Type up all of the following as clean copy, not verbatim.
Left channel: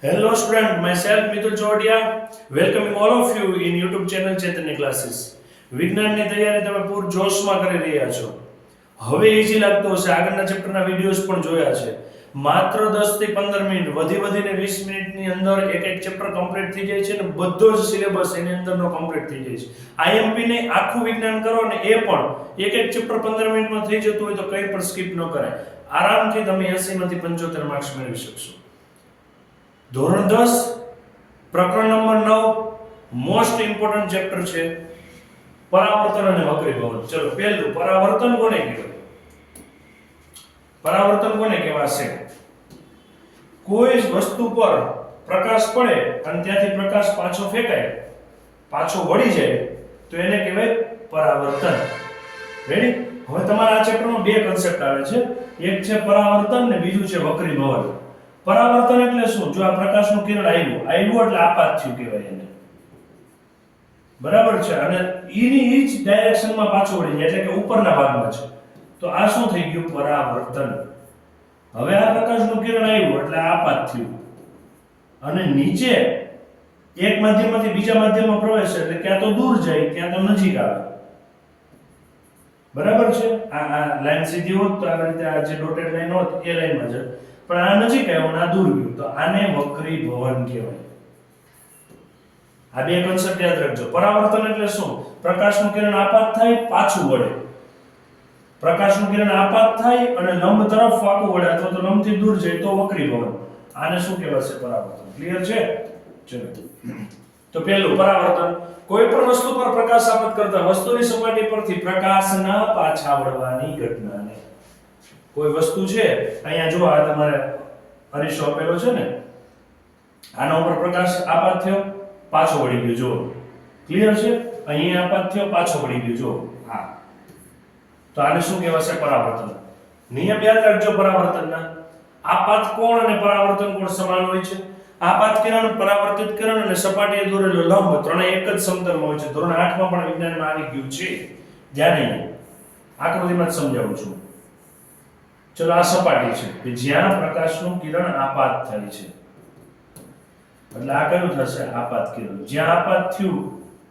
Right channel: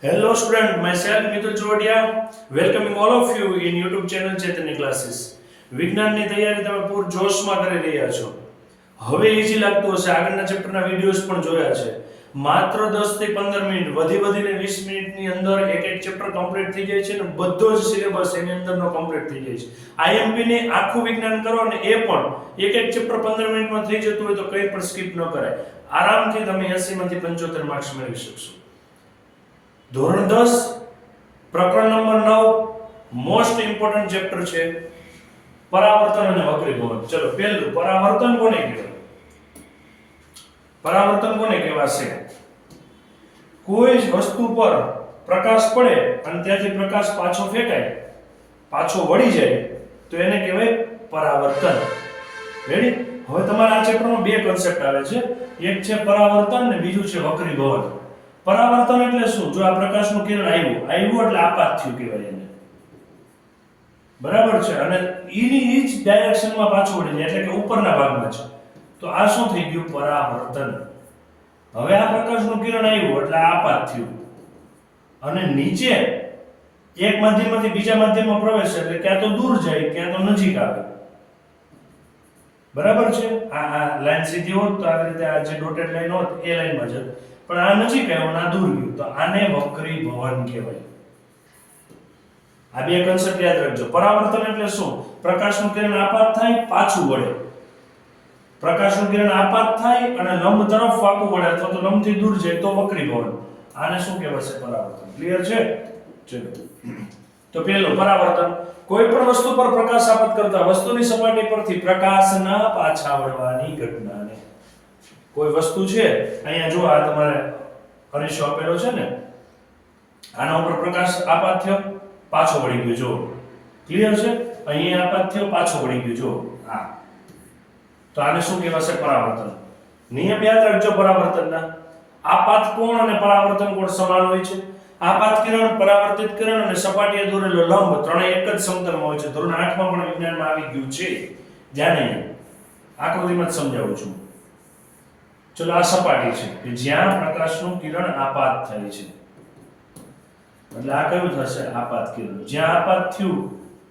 Hello student, myself Mitul Chodia, welcoming all of you in YouTube channel Chaitanya Classes. વિજ્ઞાનની તૈયારી તમે પૂર જોશમાં કરી રહ્યા છો. હવે ઈઝી લાગતું હશે, આગળના ચેપ્ટરના વિડિયોઝ પણ જોયા છે. માત્ર 10 થી 15 મિનિટ, વધીને 20 મિનિટની અંદર એક ચેપ્ટર કમ્પ્લીટ થઈ જાય છે અને બધો જ સિલેબસ એની અંદરનો કમ્પ્લીટ થઈ જાય છે. આઈએમપી ને આખું વિજ્ઞાન કરો અને એ પણ એક ચેપ્ટર 15 મિનિટમાં થઈ જતું હોય તો કંઈ પણ સ્કીપ ન કરાય. આરામથી તમે 80 માંથી 75 માર્ક્સ મેળવી શકશો. ધોરણ 10 પ્રકરણ નંબર 9 મોસ્ટ ઇમ્પોર્ટન્ટ ચેપ્ટર છે પરાવર્તન અને વક્રીભવન. ચલો પહેલું, પરાવર્તન કોને કહેવાય? પરાવર્તન કોને કહેવાશે? કોઈ વસ્તુ પર પ્રકાશ પડે અને ત્યાંથી પ્રકાશ પાછો ફેંકાય, પાછો વળી જાય તો એને કહેવાય પરાવર્તન. રેડી? હવે તમારા આ ચેપ્ટરમાં બે કન્સેપ્ટ આવે છે, એક છે પરાવર્તન ને બીજું છે વક્રીભવન. પરાવર્તન એટલે શું? જો આ પ્રકાશનું કિરણ આવ્યું એટલે આપાત થયું કહેવાય એને. બરાબર છે? અને ઈ જ ડાયરેક્શનમાં પાછું વળી જાય એટલે કે ઉપરના ભાગમાં છે. તો આ શું થઈ ગયું? પરાવર્તન. હવે આ પ્રકાશનું કિરણ આવ્યું એટલે આપાત થયું અને નીચે એક માધ્યમમાંથી બીજા માધ્યમમાં પ્રવેશે એટલે ક્યાં તો દૂર જાય ક્યાં તો નજીક આવે. બરાબર છે? આ લાઈન સીધી હોત તો આવી રીતે આ જે ડોટેડ લાઈન હોત એ લાઈનમાં જત, પણ આ નજીક આવ્યો અને આ દૂર ગયું તો આને વક્રીભવન કહેવાય. આ બે કન્સેપ્ટ યાદ રાખજો. પરાવર્તન એટલે શું? પ્રકાશનું કિરણ આપાત થાય પાછું વળે. પ્રકાશનું કિરણ આપાત થાય અને લંબ તરફ વાંકું વળે અથવા તો લંબથી દૂર જાય તો વક્રીભવન. આને શું કહેવાશે? પરાવર્તન. ક્લિયર છે? ચલો તો પહેલું, પરાવર્તન કોઈ પણ વસ્તુ પર પ્રકાશ આપત કરતા વસ્તુની સપાટી પરથી પ્રકાશના પાછા વળવાની ઘટનાને. કોઈ વસ્તુ છે, અહીંયા જો આ તમારે અરીસો આપેલો છે ને, આના ઉપર પ્રકાશ આપાત થયો પાછો વળી ગયો. જો ક્લિયર છે? અહીંયા આપાત થયો પાછો વળી ગયો. જો આ તો આને શું કહેવાશે? પરાવર્તન. નિયમ યાદ રાખજો પરાવર્તનના. આપાત કોણ અને પરાવર્તન કોણ સમાન હોય છે? આપાત કિરણ, પરાવર્તિત કિરણ અને સપાટીએ દોરેલો લંબ ત્રણેય એક જ સમતલમાં હોય છે. ધોરણ 8 માં પણ વિજ્ઞાનમાં આવી ગયું છે. ધ્યાન નહીં, આકૃતિમાં જ સમજાવું છું. ચલો આ સપાટી છે કે જ્યાં પ્રકાશનું કિરણ આપાત થાય છે. એટલે આ કયું થશે? આપાત કિરણ. જ્યાં આપાત થયું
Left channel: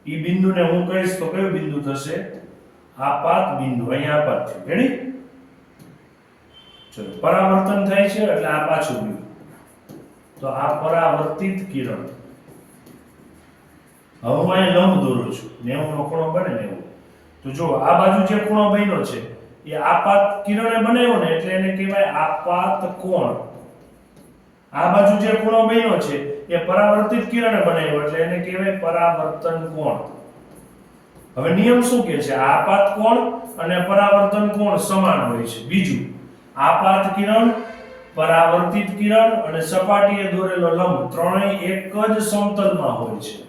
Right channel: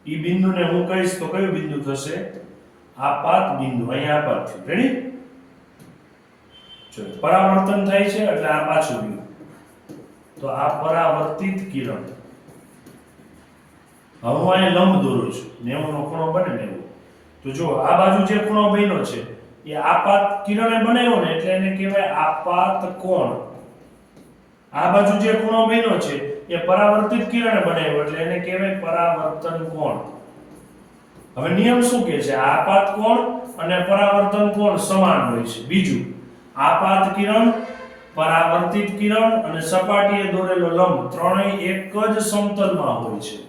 ઈ બિંદુને હું કહીશ તો કયું બિંદુ થશે? આપાત બિંદુ. અહીંયા આપાત થયું. રેડી? ચલો પરાવર્તન થાય છે એટલે આ પાછું ગયું તો આ પરાવર્તિત કિરણ. હવે હું અહીંયા લંબ દોરું છું, 90 નો ખૂણો બને ને એવું. તો જો આ બાજુ જે ખૂણો બન્યો છે એ આપાત કિરણે બનાવ્યો ને એટલે એને કહેવાય આપાત કોણ. આ બાજુ જે ખૂણો બન્યો છે એ પરાવર્તિત કિરણે બનાવ્યો એટલે એને કહેવાય પરાવર્તન કોણ. હવે નિયમ શું કહે છે? આપાત કોણ અને પરાવર્તન કોણ સમાન હોય છે. બીજું, આપાત કિરણ, પરાવર્તિત કિરણ અને સપાટીએ દોરેલો લંબ ત્રણેય એક જ સમતલમાં હોય છે.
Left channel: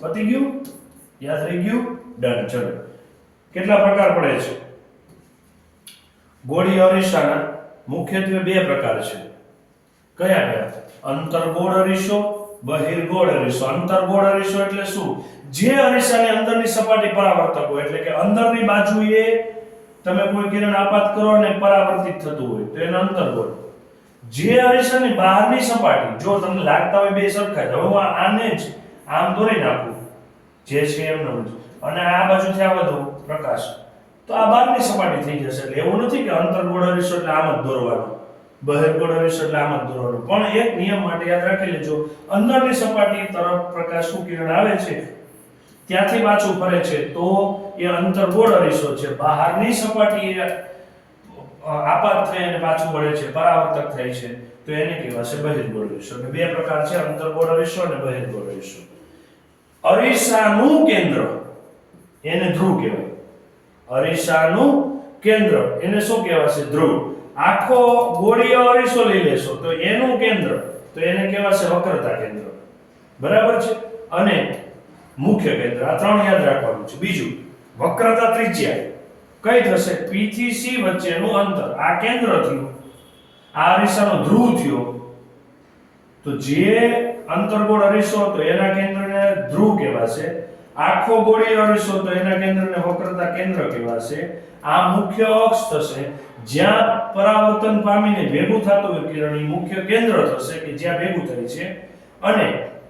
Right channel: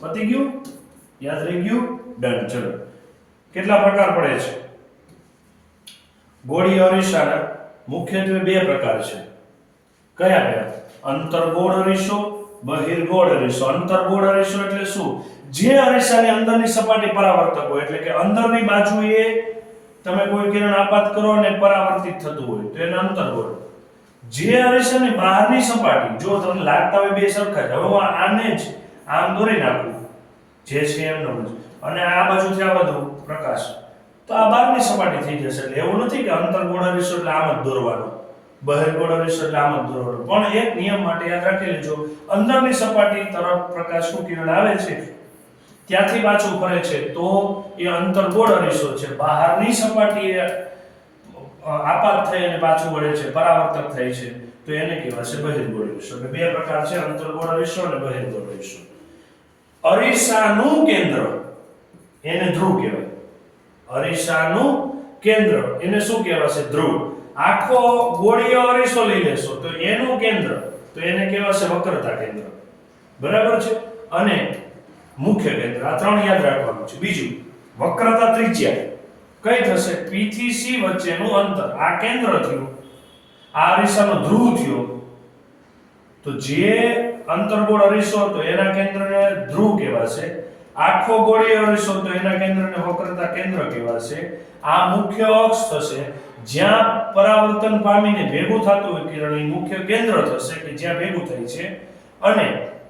પતી ગયું? યાદ રહી ગયું? ડન. ચલો કેટલા પ્રકાર પડે છે? ગોળી અરીસાના મુખ્યત્વે બે પ્રકાર છે. કયા કયા? અંતર્ગોળ અરીસો, બહિર્ગોળ અરીસો. અંતર્ગોળ અરીસો એટલે શું? જે અરીસાની અંદરની સપાટી પરાવર્તક હોય એટલે કે અંદરની બાજુએ તમે કોઈ કિરણ આપાત કરો અને પરાવર્તિત થતું હોય તો એને અંતર્ગોળ. જે અરીસાની બહારની સપાટી, જો તમને લાગતા હોય બે સરખા જ, હવે આને જ આમ દોરી નાખું જે છે એમનો જ, અને આ બાજુથી આ બધું પ્રકાશ, તો આ બહારની સપાટી થઈ જશે. એટલે એવું નથી કે અંતર્ગોળ અરીસો એટલે આમ જ દોરવાનો, બહિર્ગોળ અરીસો એટલે આમ જ દોરવાનો. પણ એક નિયમ માટે યાદ રાખી લેજો, અંદરની સપાટી તરફ પ્રકાશનું કિરણ આવે છે ત્યાંથી પાછું ફરે છે તો એ અંતર્ગોળ અરીસો છે. બહારની સપાટીએ આપાત થઈ અને પાછું વળે છે, પરાવર્તક થાય છે તો એને કહેવાશે બહિર્ગોળ અરીસો. એટલે બે પ્રકાર છે, અંતર્ગોળ અરીસો અને બહિર્ગોળ અરીસો. અરીસાનું કેન્દ્ર એને ધ્રુવ કહેવાય. અરીસાનું કેન્દ્ર એને શું કહેવાશે? ધ્રુવ. આખો ગોળીય અરીસો લઈ લેશો તો એનું કેન્દ્ર તો એને કહેવાશે વક્રતા કેન્દ્ર. બરાબર છે? અને મુખ્ય કેન્દ્ર. આ ત્રણ યાદ રાખવાનું છે. બીજું, વક્રતા ત્રિજ્યા કઈ થશે? P થી C વચ્ચેનું અંતર. આ કેન્દ્ર થયું, આ અરીસાનો ધ્રુવ થયો, તો જે અંતર્ગોળ અરીસો હતો એના કેન્દ્રને ધ્રુવ કહેવાશે. આખો ગોળીય અરીસો તો એના કેન્દ્રને વક્રતા કેન્દ્ર કહેવાશે. આ મુખ્ય અક્ષ થશે. જ્યાં પરાવર્તન પામીને ભેગું થતું હોય કિરણ, એ મુખ્ય કેન્દ્ર થશે કે જ્યાં ભેગું થાય છે અને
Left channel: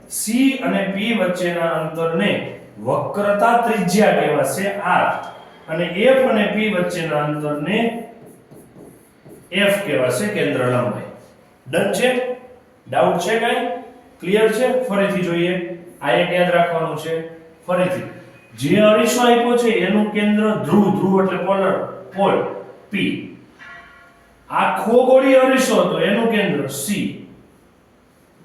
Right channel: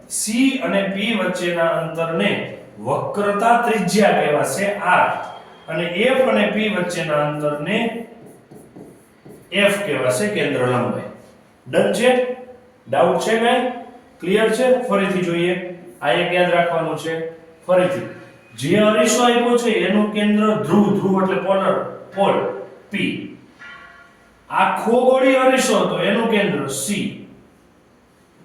C અને P વચ્ચેના અંતરને વક્રતા ત્રિજ્યા કહેવાશે R, અને F અને P વચ્ચેના અંતરને F કહેવાશે કેન્દ્ર લંબાઈ. ડન છે? ડાઉટ છે કઈ? ક્લિયર છે? ફરીથી જોઈએ. આ એક યાદ રાખવાનું છે. ફરીથી જે અરીસો આપ્યો છે એનું કેન્દ્ર ધ્રુવ એટલે પોલ P. આખો ગોળી અરીસો હતો એનું કેન્દ્ર C.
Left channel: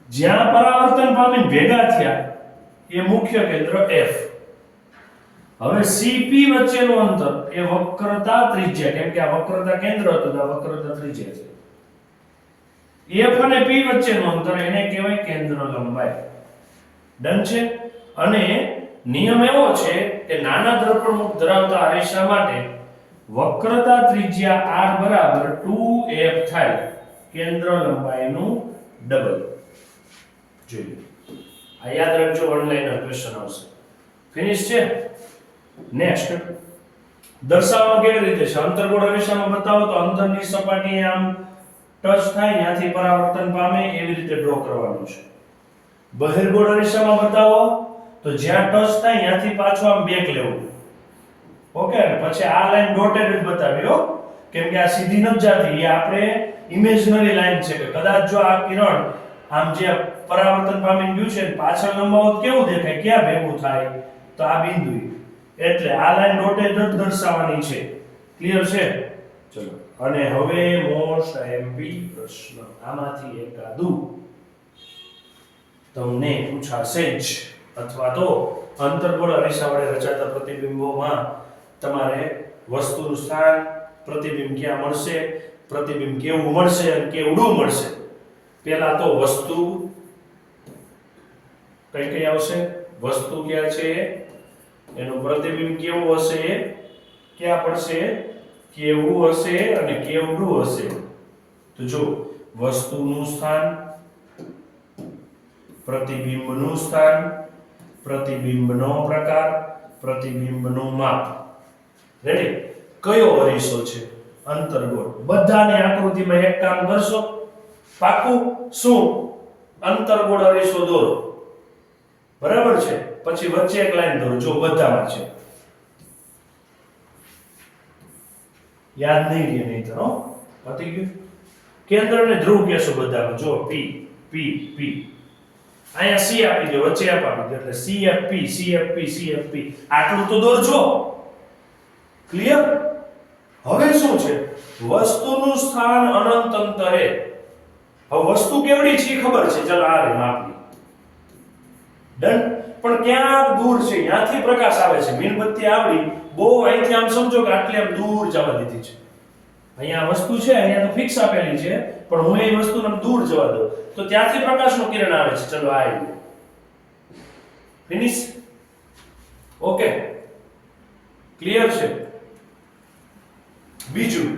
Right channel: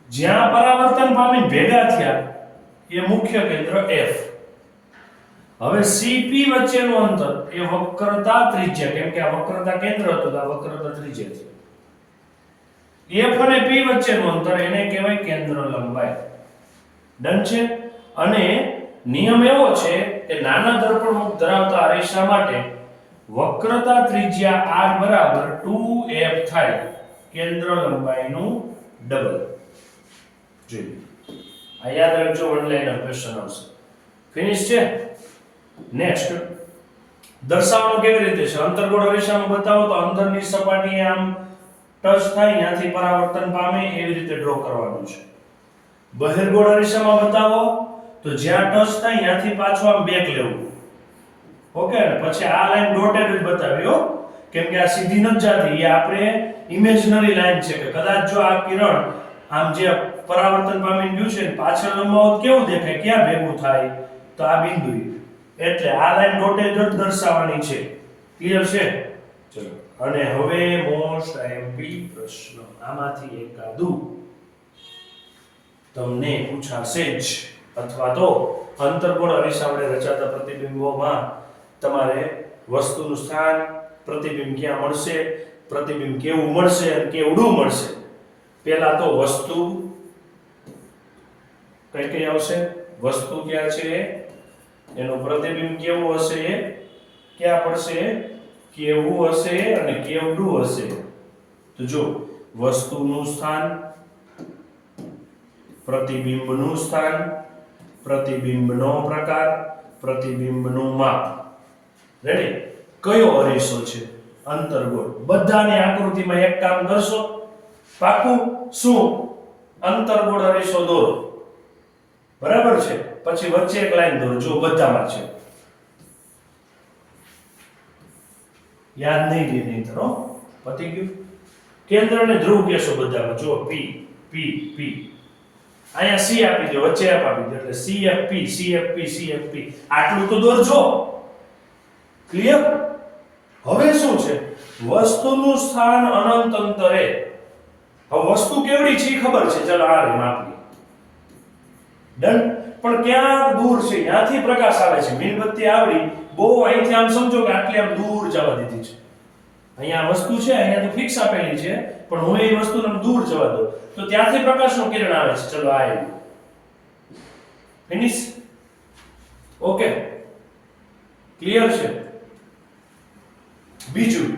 જ્યાં પરાવર્તન પામીને ભેગા થયા એ મુખ્ય કેન્દ્ર F. હવે CP વચ્ચેનું અંતર એ વક્રતા ત્રિજ્યા, કેમ કે આ વક્રતા કેન્દ્ર હતું તો આ વક્રતા ત્રિજ્યા છે. F અને P વચ્ચેનું અંતર એને કહેવાય કેન્દ્ર લંબાઈ. ડન છે? અને નિયમ એવો છે કે નાના દર્પણમુખ ધરાવતા અરીસા માટે વક્રતા ત્રિજ્યા R બરાબર 2F થાય, કેન્દ્ર લંબાઈનું ડબલ. જોઈએ, આ યાદ રાખજો, વન લાઇનર ક્વેશ્ચન આવશે. ફિનિશ છે? નેક્સ્ટ, દર્શાવવાનું કેવી રીતે છે? અંતર્ગોળ અરીસામાં બતાવો તો અંદરની સપાટીએ આમ ટચ થાય ત્યાંથી પરાવર્તન પામે એવી રીતે ડ્રો કરવાનું છે. બહિર્ગોળ અરીસામાં બતાવો તો જ્યાં ટચ થાય ત્યાંથી પાછું આમ બેક લેવું. ઓકે, અને પછી આ લાઈન ડોટેડ જ બતાવી હો, કેમ કે આ સીધી નથી જાતી, એ આપણે ઇમેજનરી લાઈન છે કે કદાચ જો આ કિરણ આમ જે પરાવર્તન પામી ગયું છે પાછળ લંબાવો કેવું દેખાય, ક્યાં ભેગું થાય, તો આ બિંદુ. એટલે આ લાઈન ડોટેડ જ દર્શાવવાની છે. ક્લિયર છે? ચલો, અને હવે મોસ્ટ આઈએમપી પ્રશ્ન, આમાંથી એકાદું તમને પૂછાશે જ, અથવા તો અંતર્ગોળ અરીસા વડે રચાતા પ્રતિબિંબોમાં તમારે વસ્તુનું સ્થાન, પ્રતિબિંબ ક્યાં મળશે, પ્રતિબિંબ કેવું મળશે અને કેવડું મળશે. પહેલા તો વસ્તુ કઈ આવશે, વસ્તુ ક્યાં છે, એનું પ્રતિબિંબ કેવું હશે, ક્યાં પડશે, કેવું હશે અને કેવડું હશે. તો જો વસ્તુનું સ્થાન, પ્રતિબિંબનું સ્થાન, પ્રતિબિંબનો પ્રકાર, પ્રતિબિંબનું માપ. રેડી? કયો અરીસો છે? અંતર્ગોળ. બધાને આકૃતિમાં એક કામ કરશો, પાકું? શું? અંતર્ગોળ અરીસો દોરો. બરાબર છે? પછી વચ્ચે એક લાઈન દોરો. જો બધામાં છે, યાદ નહીં રહે નહીં તો પતી ગયું. કેન્દ્રને ધ્રુવ કહેશો બધામાં. જો P P P, અહીંયા C આપી દો, વચ્ચે F આપી દો, એટલે CFP CFP CFP. આટલું તો દોરજો. ક્લિયર? હવે શું છે? વસ્તુનું સ્થાન અનંત અંતરે. હવે વસ્તુ કેવડી છે ખબર છે, ચલો આ રે માપી. ડન? પણ ક્યાં દૂર છે, ત્યાંથી પ્રકાશ આવે છે, મીણબત્તી આવડી બહુ અહીંથી આમ સમજો કે આટલી આમ દૂર જવા દીધી છે. અહીંયા વસ્તુ છે, અહીંયા તો ફિક્સ આપેલી છે, પણ હું એ વસ્તુને દૂર જવા દઉં તો ત્યાંથી પ્રકાશનું કિરણ આવે છે. ચલો આ આવ્યું. ફિનિશ? ઓકે, ક્લિયર છે? બીજું,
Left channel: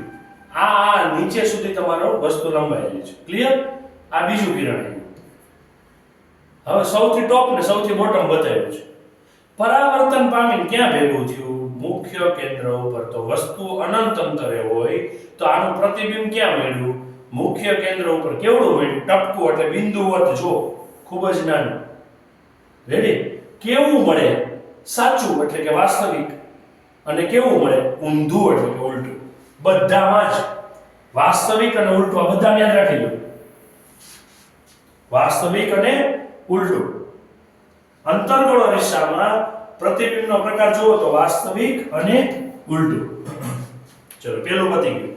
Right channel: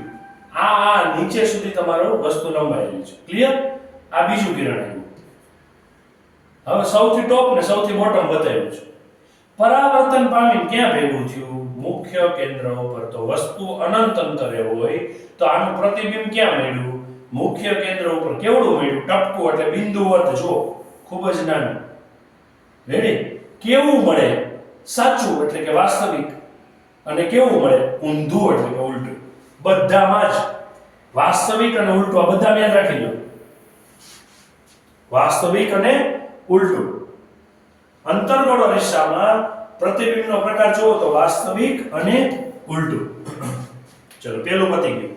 આ નીચે સુધી તમારો વસ્તુ લંબાયેલી છે. ક્લિયર? આ બીજું કિરણ આવ્યું. હવે સૌથી ટોપ ને સૌથી બોટમ બતાવ્યું છે. પરાવર્તન પામીને ક્યાં ભેગું થયું? મુખ્ય કેન્દ્ર ઉપર. તો વસ્તુ અનંત અંતરે હોય તો આનું પ્રતિબિંબ ક્યાં મળ્યું? મુખ્ય કેન્દ્ર ઉપર. કેવડું મળ્યું? ટપકું એટલે બિંદુવત. જો ખૂબ જ નાનું. રેડી? કેવું મળે? સાચું એટલે કે વાસ્તવિક. અને કેવું મળે? ઊંધું એટલે કે ઉલટું. બધામાં જ વાસ્તવિક અને ઉલટું, આ બધા યાદ રાખી લો. વાસ્તવિક અને ઉલટું. અંતર્ગોળ અરીસામાં પ્રતિબિંબનો પ્રકાર જુઓ તો વાસ્તવિક અને ઉલટું. ચલો, પેલું પતી ગયું.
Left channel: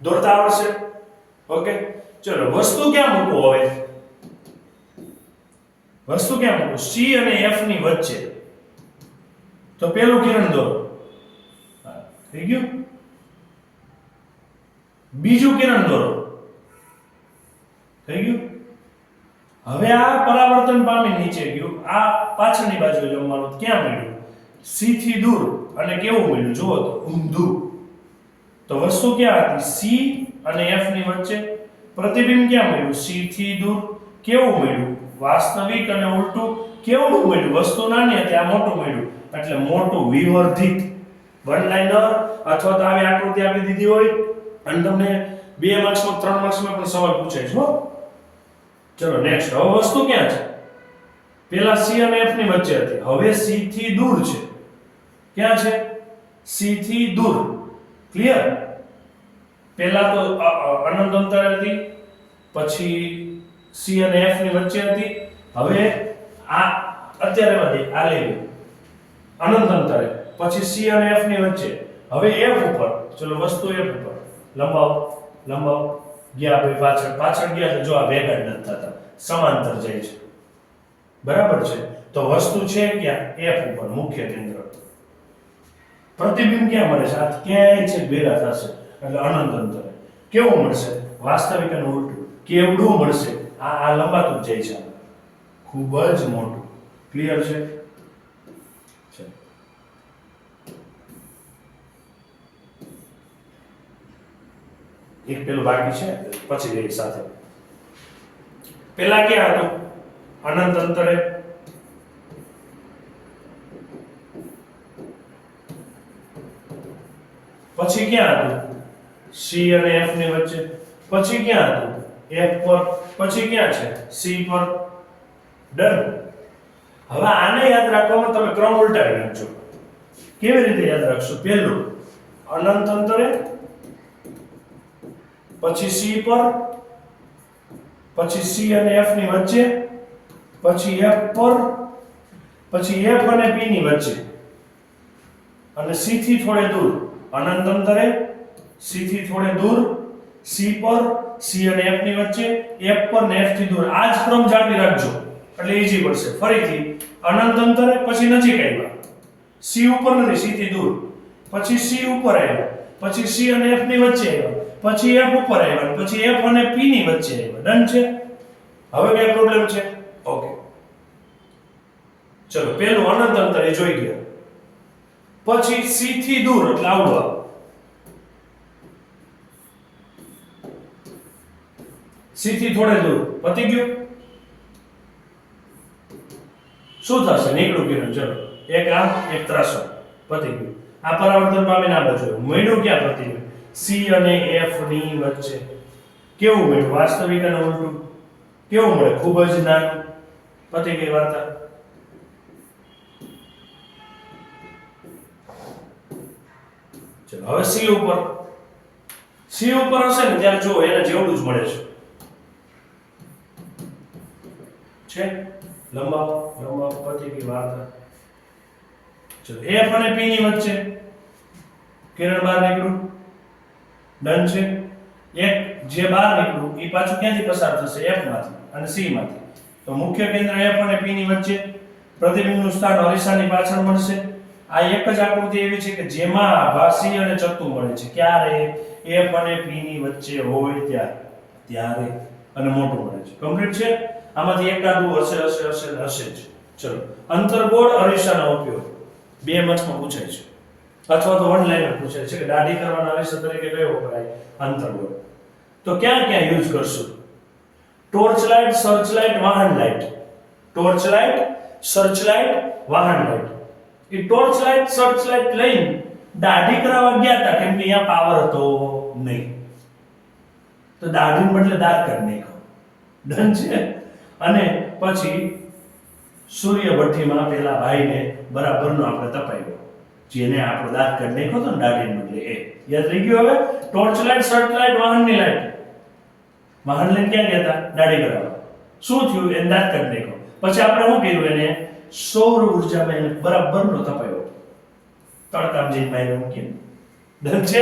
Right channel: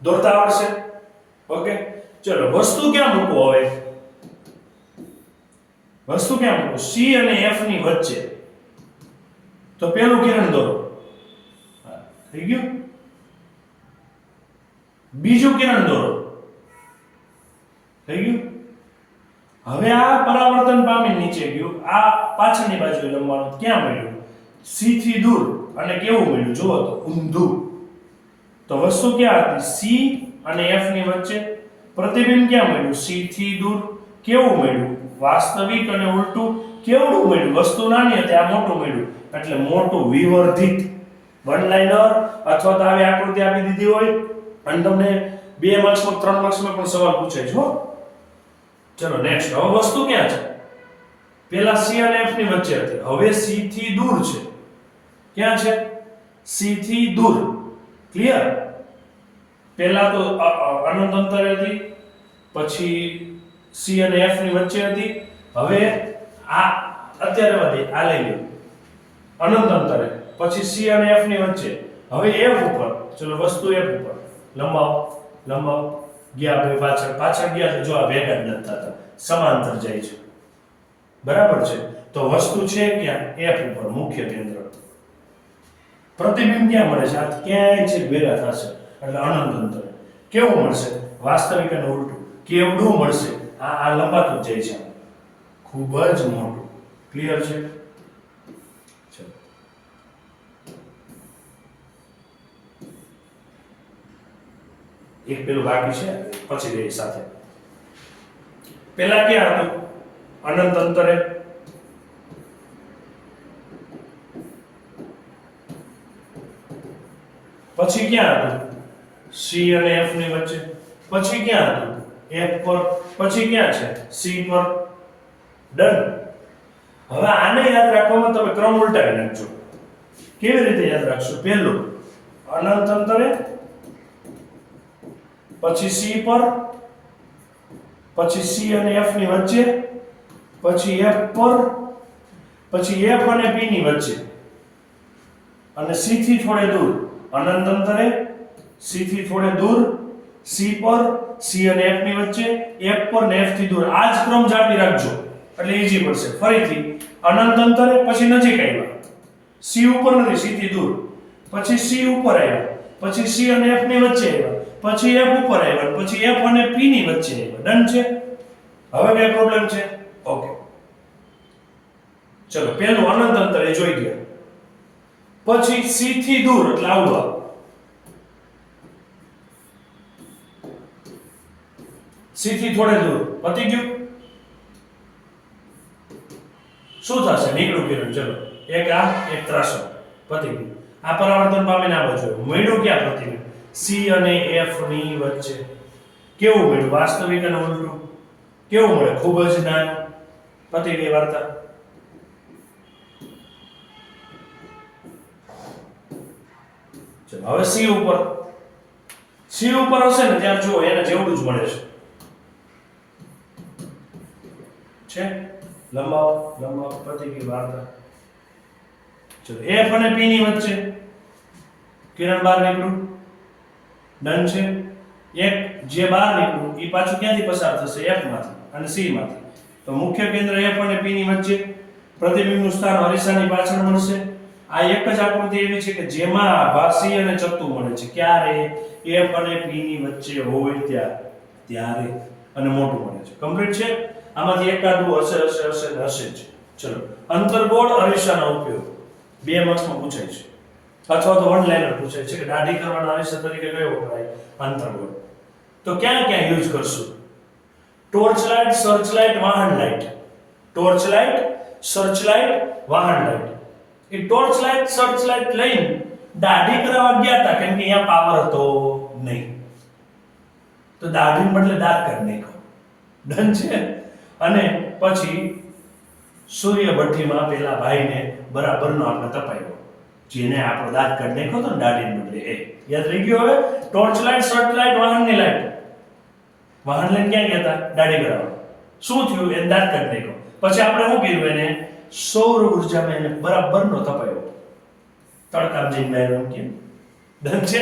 દોરતા આવડશે? ઓકે, ચલો વસ્તુ ક્યાં મૂકવો? હવે વસ્તુ ક્યાં મૂકવું? C અને F ની વચ્ચે. તો પેલું કિરણ દોરો. થઈ ગયું? બીજું કિરણ દોરો. થઈ ગયું? હવે આ પરાવર્તન પામી નીચે ગયું, આ પાછળની બાજુએ લંબાણું ક્યાં મળ્યું? C થી દૂર. અને કેવું મળ્યું? જુઓ તો ઊંધું. તો વસ્તુ ક્યાં હતી? C અને F ની વચ્ચે. પ્રતિબિંબ ક્યાં મળ્યું? C થી દૂર. કેવું મળ્યું? વાસ્તવિક અને ઉલટું. કેવડું મળ્યું? વસ્તુ નાની હતી, આ મોટું મળ્યું, એટલે મોટું વિવર્ધિત. વન લાઇનર અથવા તો આવી આકૃતિ આપી દીધી હોય અને તમને 2 માર્ક્સમાં 3 માર્ક્સમાં પણ સવાલ પૂછાય છે હો. ચલો નેક્સ્ટ. હવે વસ્તુ ક્યાં છે? પેલા C અને F ની વચ્ચે હતી, હવે C થી દૂર છે. ક્યાં છે? C થી દૂર. ક્લિયર? પેલા તો અનંત અંતરે હતી, પછી C અને F ની વચ્ચે હતી. હવે આ અત્યારે વધી આ લઈ લો અનંત અંતરે, પછી C અને F ની વચ્ચે, હવે F ઉપર. ચલો વસ્તુ F ઉપર લંબાવો ગયા બે પાછળ ગયા તો જો આ ભેગા જ નથી થતા, સમાંતર જાય છે. બરાબર છે? તો વસ્તુ છે ક્યાં? F ઉપર, મુખ્ય કેન્દ્ર. પ્રતિબિંબ ક્યાં મળે છે? આ ક્યાંય છે ભેગા થશે એટલે અનંત અંતરે. કેવું મળશે? વાસ્તવિક અને ઉલટું. કેવડું મળશે? આ લંબાતું જ જાય છે, ખૂબ જ મોટું. ક્લિયર છે? એક પેલું બાકી છે, પછી ગઈ સાથે. પેલા ક્યાં હતું? અનંત અંતરે. પછી ક્યાં હતું? C અને F ની વચ્ચે. પછી ક્યાં હતું? F પર. પછી ક્યાં છે? C પર. ડન. હવે આને યાદ રાખવામાં તમે ક્રમ ઉલટાવી નાખજો. કેવી રીતે યાદ રાખશો? પહેલું અનંત અંતરે, પછી C પર, પછી C અને F ની વચ્ચે, પછી F પર, પછી F અને P ની વચ્ચે, અને C થી થોડે દૂર. અનંત અંતરે, C થી થોડે દૂર, C પર, C અને F ની વચ્ચે, F પર ને F થી દૂર. આ જ ક્રમ જાળવી રાખજો એટલે ઈઝી પડશે. ફરીથી અનંત અંતરે, પછી નજીક આવ્યા, C ઉપર નથી, C થી દૂર, પછી C ઉપર આવ્યા, પછી C અને F ની વચ્ચે આવ્યા, પછી F ઉપર આવ્યા, પછી F અને P ની વચ્ચે આવ્યા. ડન છે? હવે કઈ પ્રોબ્લેમ છે? ઓકે. ચલો પહેલું અનંત અંતરે જોઈ ગયા, પછી C થી દૂર એટલે આવવા, C થી થોડે દૂર. પતી ગયું? શું થશે? નીકળું કિરણ. ચલો એક આમ એક ત્રાસો. પતી ગયું. આ પરાવર્તન પામીને આ બાજુ મળ્યું. ક્યાં પ્રતિબિંબ? C અને F ની વચ્ચે. કેવું મળ્યું? વાસ્તવિક અને ઉલટું. કેવું મળે? ખૂબ જ નાનું. પતી ગઈ વાર્તા. ચલો હવે C ઉપર. C ઉપર હશે ને ત્યાં જો એને જેવડું જ મળે છે. લંબાવો પતી ગઈ વાર્તા. ચલો F અને P ની વચ્ચે કિરણ બહાર નીકળું. ડન છે? એક જે બહાર નીકળું એ પાછું ક્યાંથી પસાર થશે? F માંથી અને C માંથી. તો મુખ્ય કેન્દ્ર F અને P ની વચ્ચે. પ્રતિબિંબનું સ્થાન અરીસાની પાછળ મળશે. આ એક જ આકૃતિ એવી છે કે જેમાં આભા C અને ચત્તુ મળે છે. ક્યારે? F અને P ની વચ્ચે હોય ત્યારે અને મોટું મળે છે. કમ્પ્લીટ છે? આમાંથી એકાદું હશે જ. ચલો અંતર્ગોળ અરીસાનો ઉપયોગ બે માર્ક્સમાં પૂછાય છે, અથવા તો વન લાઈનર પૂછાય છે કે દાઢી કરવાના અરીસા તરીકે કયો વપરાય? અંતર્ગોળ. તો ક્યાં યુઝ કરશું? ટોર્ચ લાઇટ, સર્ચ લાઇટ, વાહન light. Torch light, search light, વાહન લાઇટ. એ ટોર્ચ લાઇટ, સર્ચ લાઇટ લઈને દાઢી કરાવવા ગયા હતા, કેમ કે અહીંયા પાવર હતો નહીં, તો દાઢીને બદલે દાંત કાઢી નાખ્યો. ડન છે? અને પછી સૂર્ય ભઠ્ઠીમાં પેલા ભાઈને બરાબરનો આપણે તપાયો, જેને આપણે દાંત કાઢી નાખ્યો હતો ને દાઢીને બદલે. એ યાદ રહી ગયું? હવે ટોર્ચ લાઇટ, સર્ચ લાઇટ, વાહનની લાઇટ. વાહન લઈને ક્યાં ગયા હતા? દાઢી કરાવવા. શું થયું? એને દાંત કાઢી નાખ્યો. પછી આપણે શું કર્યું? એને સૌર ઉર્જામાં એને બરાબરનો તપાયો, તડકામાં જઈને માર્યો. કેમ? ડન છે?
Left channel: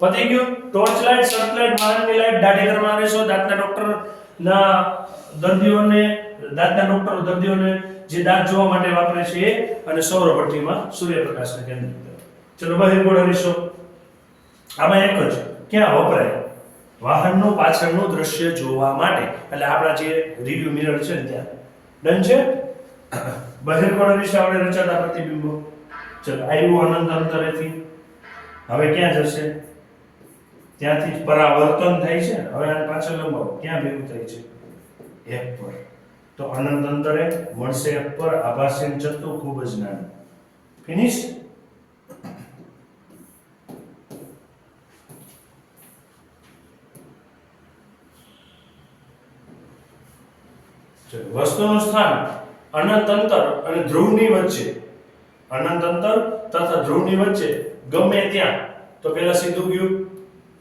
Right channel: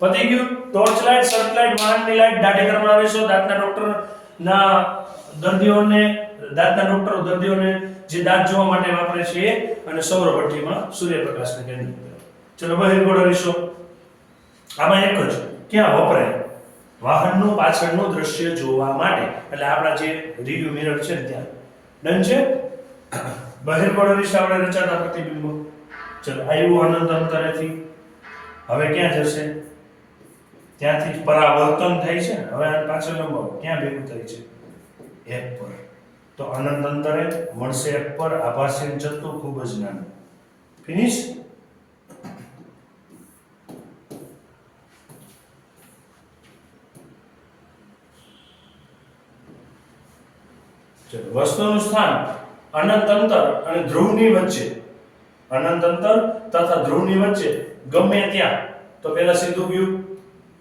પતી ગયું. ટોર્ચ લાઇટ, સર્ચ લાઇટ, વાહનની લાઇટ. દાઢી કરવાના આવીશું દાંતના ડોક્ટરના દર્દીઓને જે દાંત જોવા માટે વાપરે છે એ, અને સૌર ભઠ્ઠીમાં સૂર્યપ્રકાશને કેન્દ્રિત કરે. ચલો બહિર્ગોળ અરીસો આમાં એક જ ક્યાં વપરાય? વાહનનું પાછળનું દ્રશ્ય જોવા માટે. એટલે આપણા જે રિવ્યુ મિરર છે ને ત્યાં. ડન છે? બહિર્ગોળ અરીસા વડે રચાતા પ્રતિબિંબો. ચલો આવ્યું અનંત અંતરેથી. હવે ક્યાં જશે? ત્યાંથી જ પરાવર્તન થાય છે. હવે આને પાછળ લંબાવો. ક્યાં ભેગું થાય છે? F પર. તો અનંત અંતરે મળશે F પર. આભાસી ચત્તુ ખૂબ જ નાનું. ફિનિશ? ચલો, વસ્તુનું સ્થાન અનંત અંતર અને ધ્રુવની વચ્ચે, અનંત અંતર તથા ધ્રુવની વચ્ચે ગમે ત્યાં, તો પહેલા સીધું ગયું,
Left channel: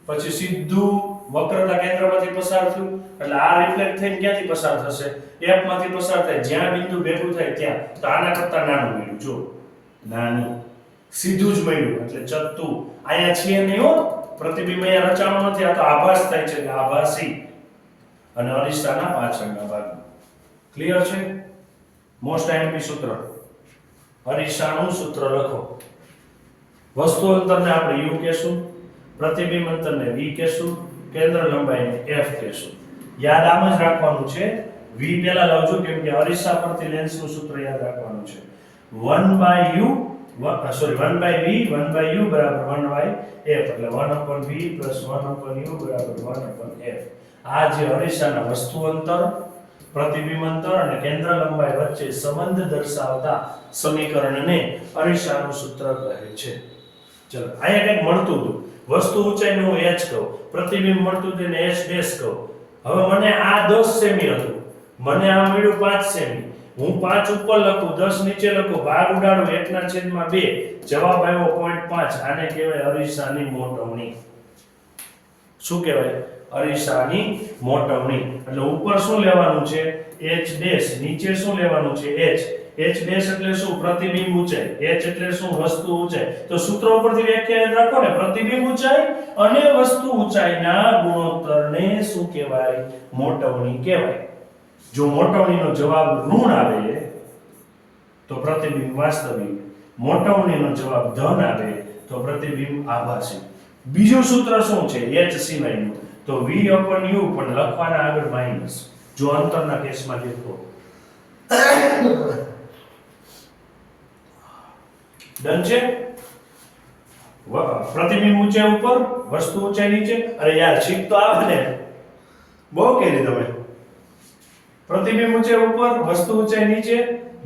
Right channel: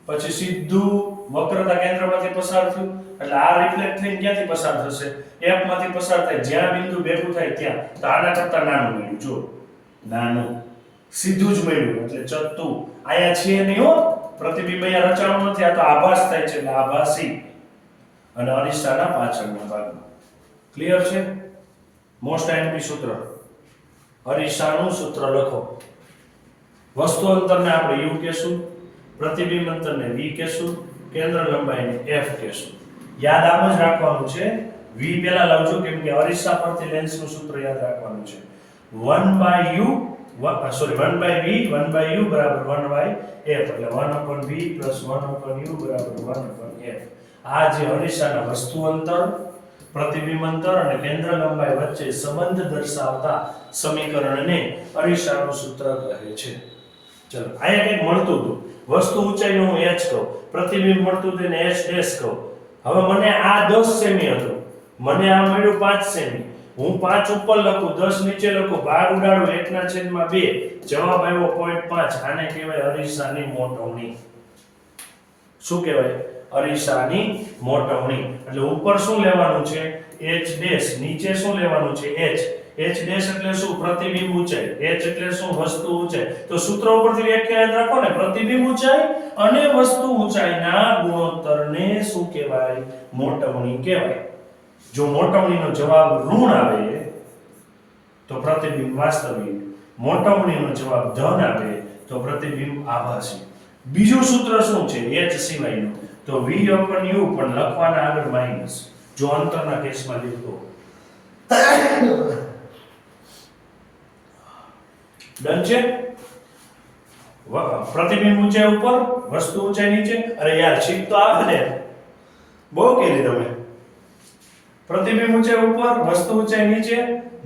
પછી સીધું વક્રતા કેન્દ્રમાંથી પસાર થયું, એટલે આ રિફ્લેક્ટ થઈને ક્યાંથી પસાર થશે? F માંથી પસાર થાય, જ્યાં બિંદુ ભેગું થાય ત્યાં. તો આના કરતા નાનું મળ્યું, જો નાનું, સીધું જ મળ્યું, એટલે ચત્તુ. અહીંયા છીએ નહીં હો, પ્રતિબિંબ અહીંયા રચાણું નથી, આ તો આભાસ થાય છે, એટલે આભાસી. અને અરીસાના પાછળના ભાગમાં. ક્લિયર છે? મોસ્ટ આઈએમપી સૂત્ર, અરીસાનું સૂત્ર લખો. વસ્તુ અંતરને આપણે u કહેશું, પ્રતિબિંબ અંતરને v કહેશું, કેન્દ્ર લંબાઈને f કહેશું. યાદ આમ જ રાખવાનું છે, v પહેલા લાવજો, કેમ કે અરીસા પરથી લેન્સનું સૂત્ર યાદ રાખવાનું છે. 1/u 1/v 1/u બરાબર 1/f, એટલે 1/v + 1/u બરાબર 1/f. આ જે અરીસાના વસ્તુ અંતર, પ્રતિબિંબ અંતર અને કેન્દ્ર લંબાઈ વચ્ચે સંબંધ દર્શાવતા સમીકરણને અરીસાનું સૂત્ર કહે છે. ચલો, અહીંયા કંઈક મળતું હતું, વસ્તુ ઊંચાઈનું હું h કહું, પ્રતિબિંબ મળતું હતું ને h ડેશ કહું. હવે મને આ 10 સેમી હતું, મને આ મળ્યું 5 સેમી, હું 5 ઉપર લખું, 10 નીચે લખું, ભાગ ઉડાડું, 1/2, જવાબ આવ્યો 0.5. આને કહેવાય અરીસાની મોટવણી. શું કહેવાય? અરીસાની મોટવણી. એટલે ઉપર શું લેવાનું છે? h ડેશ, નીચે શું લેવાનું છે? h. h ડેશ એટલે શું? પ્રતિબિંબ ઊંચાઈ. h એટલે શું? વસ્તુ ઊંચાઈ. તો સૂત્ર ઉપરથી વ્યાખ્યા યાદ રાખો ને, પ્રતિબિંબ ઊંચાઈ અને વસ્તુ ઊંચાઈના ગુણોત્તરને શું કહેવાય? મોટવણી કહેવાય. જો મોટવણીનો જવાબ ઋણ આવે તો પ્રતિબિંબ વાસ્તવિક, મોટવણીનો જવાબ ધન આવે તો પ્રતિબિંબ આભાસી. બીજું સૂત્ર શું છે? h સિવાયનું, તો v/u પણ લખવાના આગળ માઈનસ, જો અંતરના કેસમાં લીધો. ડન છે? પ્રતિબિંબ ઊંચાઈ ઉપર, વસ્તુ ઊંચાઈ નીચે. અરે યાર, છીક તો આવે ને, બહુ કરી તમે. પ્રતિબિંબ ઊંચાઈ ઉપર, વસ્તુ ઊંચાઈ નીચે.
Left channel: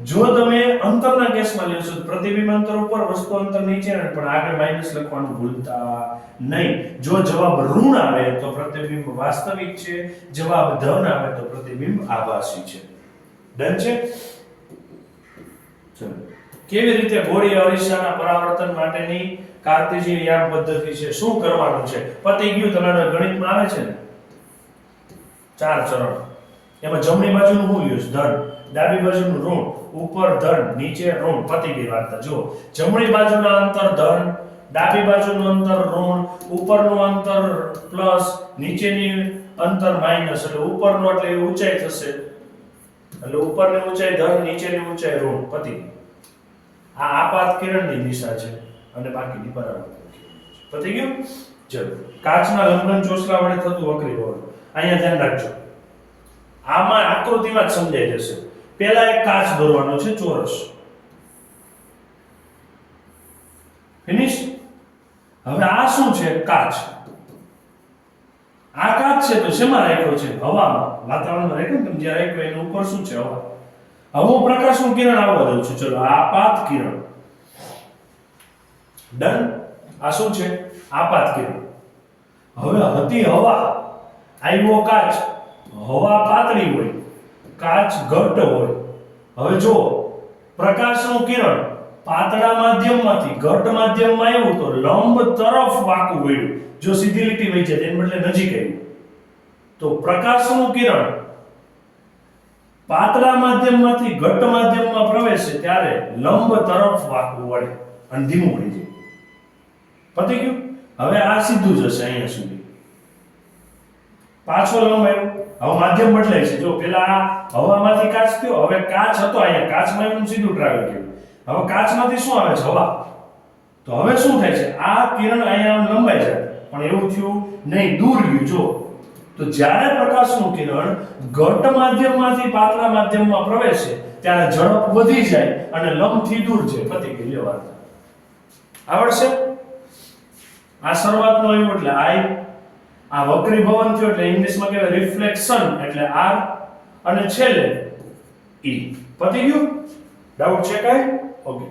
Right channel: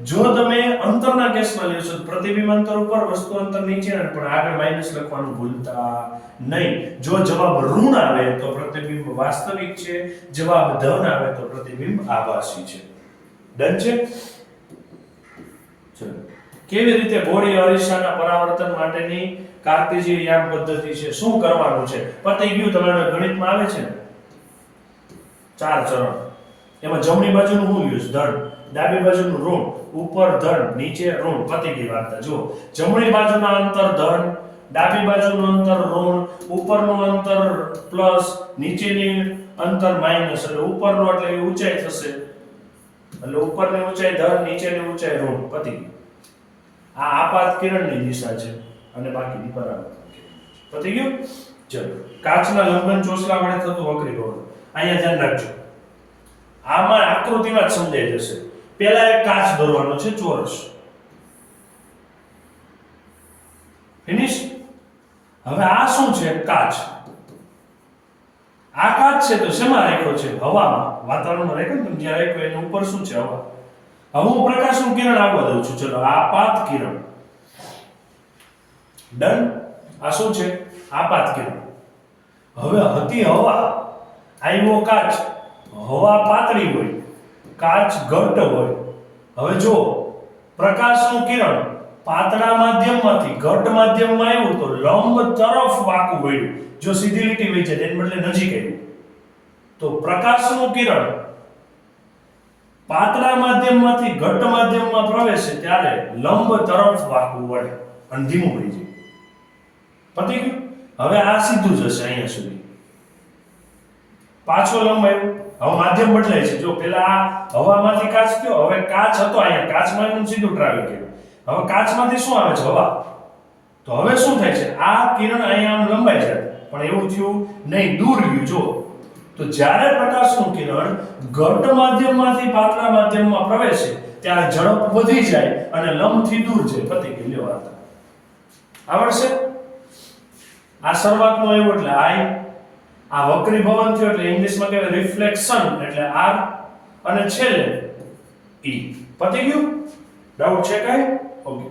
જો તમે અંતરના કેસમાં લેશો તો પ્રતિબિંબ અંતર ઉપર, વસ્તુ અંતર નીચે, પણ આગળ માઈનસ લખવાનું ભૂલતા નહીં. જો જવાબ ઋણ આવે તો પ્રતિબિંબ વાસ્તવિક છે, જવાબ ધન આવે તો પ્રતિબિંબ આભાસી છે. ડન છે? ચલો, કેવી રીતે ગોળી અરીસાના પરાવર્તન માટેની કાર્ટેશિયન યામ પદ્ધતિ છે, શું કરવાનું છે? પતી ગયું. તમારે ગણિતમાં આવે છે ને 4 ચરણ, એમાં જમણી બાજુનું શું યુઝ? ધન, ડાબી બાજુનું ઋણ, ઉપર ધન, નીચે ઋણ. પતી ગઈ વાર્તા. જો જમણી બાજુના અંતર ધન, ડાબી બાજુનું અંતર ઋણ, ઉપરનું અંતર પ્લસ, નીચેની અંતર માઈનસ. એટલે ઉપરનું એટલે ઊંચાઈ થશે, એટલે ઉપરની ઊંચાઈ ધન, નીચેની ઊંચાઈ ઋણ. પતી ગઈ. આ આપાત કિરણની દિશા છે અને બાકીની પરાવર્તન કિરણ. પતી ગયું? ચલો, કાચના લંબન ચોસલા વડે થતું વક્રીભવન. અહીંયા ધ્યાન રાખજો, આમાં આકૃતિમાં જ સમજાઈ જશે. પહેલા એક કાચ દોરવાનો છે, ચોરસ. ફિનિશ. હવે આ શું છે? કાચ. આ કાચ છે તો શેમાં રાખ્યો છે? હવામાં, વાતાવરણમાં રાખ્યો ને, જ્યાં રાખ્યો એની ઉપર શું છે? હવા. હવે હું પ્રકાશનું કિરણ આવવા દઉં છું. ચલો, આપાત કિરણ. ડન. આ શું છે? આપાત કિરણ. હવે હતી હવા, આવ્યો કાચ. હવા પાતળી હોય, કાચ ઘટ્ટ હોય. હવે જો પ્રકાશનું કિરણ પાતળા માધ્યમમાંથી ઘટ્ટ માધ્યમમાં આવ્યું તો લંબ તરફ વાંકું વળ્યું. જો સીધી લીટી વહી જાય તેને બદલે નજીક આવ્યું, તો પ્રકાશનું કિરણ પાતળા માધ્યમમાંથી ઘટ્ટ માધ્યમમાં પ્રવેશે ત્યારે લંબ તરફ વાંકું વળે અને ધીમું પડી જાય. પતી ગયું? હવે આ સીધું જશે અહીંયા સુધી, પાછો લંબ આવ્યો. હવે માધ્યમ બદલાય છે. જો પેલા આ હવામાંથી કાચ થયો, હવે કાચ હતો અહીંયા, કાચમાં એનું સીધું ટ્રાવેલ કર્યું. હવે કાચમાંથી શું આવે છે? હવા. તો હવે શું થાય છે? આ કિરણ અહીંયા આમ લંબાઈ જાય, પણ એવું થયું નહીં, દૂર ગયું. જો તો જ્યારે પ્રકાશનું કિરણ ઘટ્ટ માધ્યમમાંથી પાતળા માધ્યમમાં પ્રવેશે ત્યારે ઝડપ વધી જાય અને લંબથી દૂર જાય. પતી ગઈ લ્યો વાર્તા. આવડશે? આ શરૂઆતનો આવ્યો એટલે I, આ વક્રીભવન થયો એટલે ઇંગ્લિશમાં કહેવાય રિફ્લેક્શન એટલે R, અને છેલ્લે E. પતી ગયું? ડાઉટ છે કાંઈ? ઓકે.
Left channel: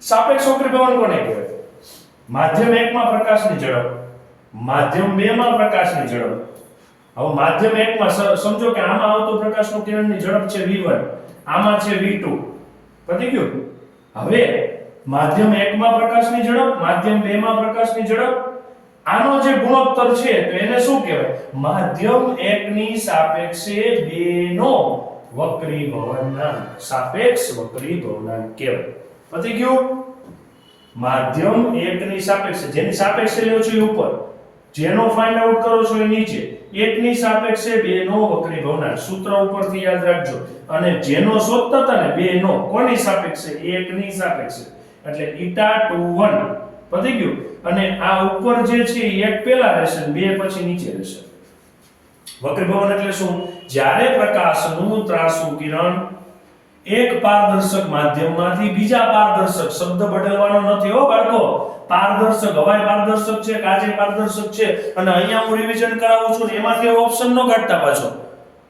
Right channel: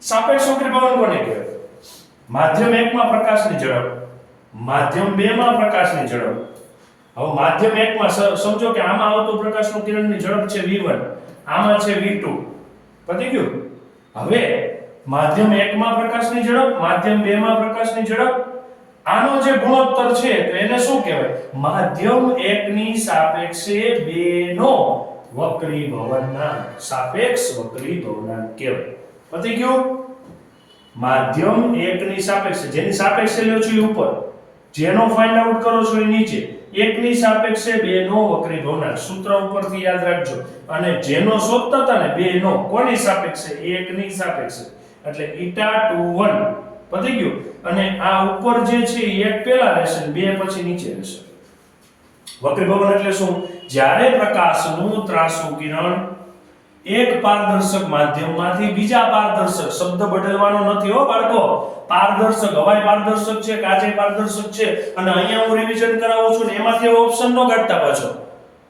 સાપેક્ષ વક્રીભવન કોને કહેવાય? માધ્યમ 1 માં પ્રકાશની ઝડપ, માધ્યમ 2 માં પ્રકાશની ઝડપ હવે માધ્યમ 1 માં સમજો કે આમાં આવતો પ્રકાશનું કિરણની ઝડપ છે v1, આમાં છે v2. પતી ગયું? હવે માધ્યમ 1 માં પ્રકાશની ઝડપ, માધ્યમ 2 માં પ્રકાશની ઝડપ, આનો જે ગુણોત્તર છે તો એને શું કહેવાય? માધ્યમ 1 ની સાપેક્ષે 2 નો વક્રીભવનાંક, સાપેક્ષ વક્રીભવનાંક કહેવાય. પતી ગયું? માધ્યમ 1 ની સાપેક્ષે, જેની સાપેક્ષે લ્યો છો એ ઉપર, જેનો ફાઇન્ડ આઉટ કરો છો એ નીચે, 1 ની સાપેક્ષે 2 નો વક્રીભવનાંક સૂત્ર ઉપરથી યાદ રાખજો. અને જેનો શોધતા હતા ને 2 નો, કોની સાપેક્ષે? 1 ની સાપેક્ષે, એટલે η21. પતી ગયું? અને આ ઉપર જે છે એ 1 પહેલા રહેશે અને 2 પછી નીચે રહેશે. વક્રીભવન એટલે શું? જ્યારે પ્રકાશનું ત્રાંસુ કિરણ એક પારદર્શક માધ્યમમાંથી બીજા પારદર્શક, શબ્દ બદલવાનો નથી હો બાળકો, પારદર્શક, હવાઈ પારદર્શક છે, કાચે પારદર્શક છે, અને અહીંયા હું રિવિઝન કરાવું છું ને એમાંથી ઓપ્શન નો કાઢતા પાછો.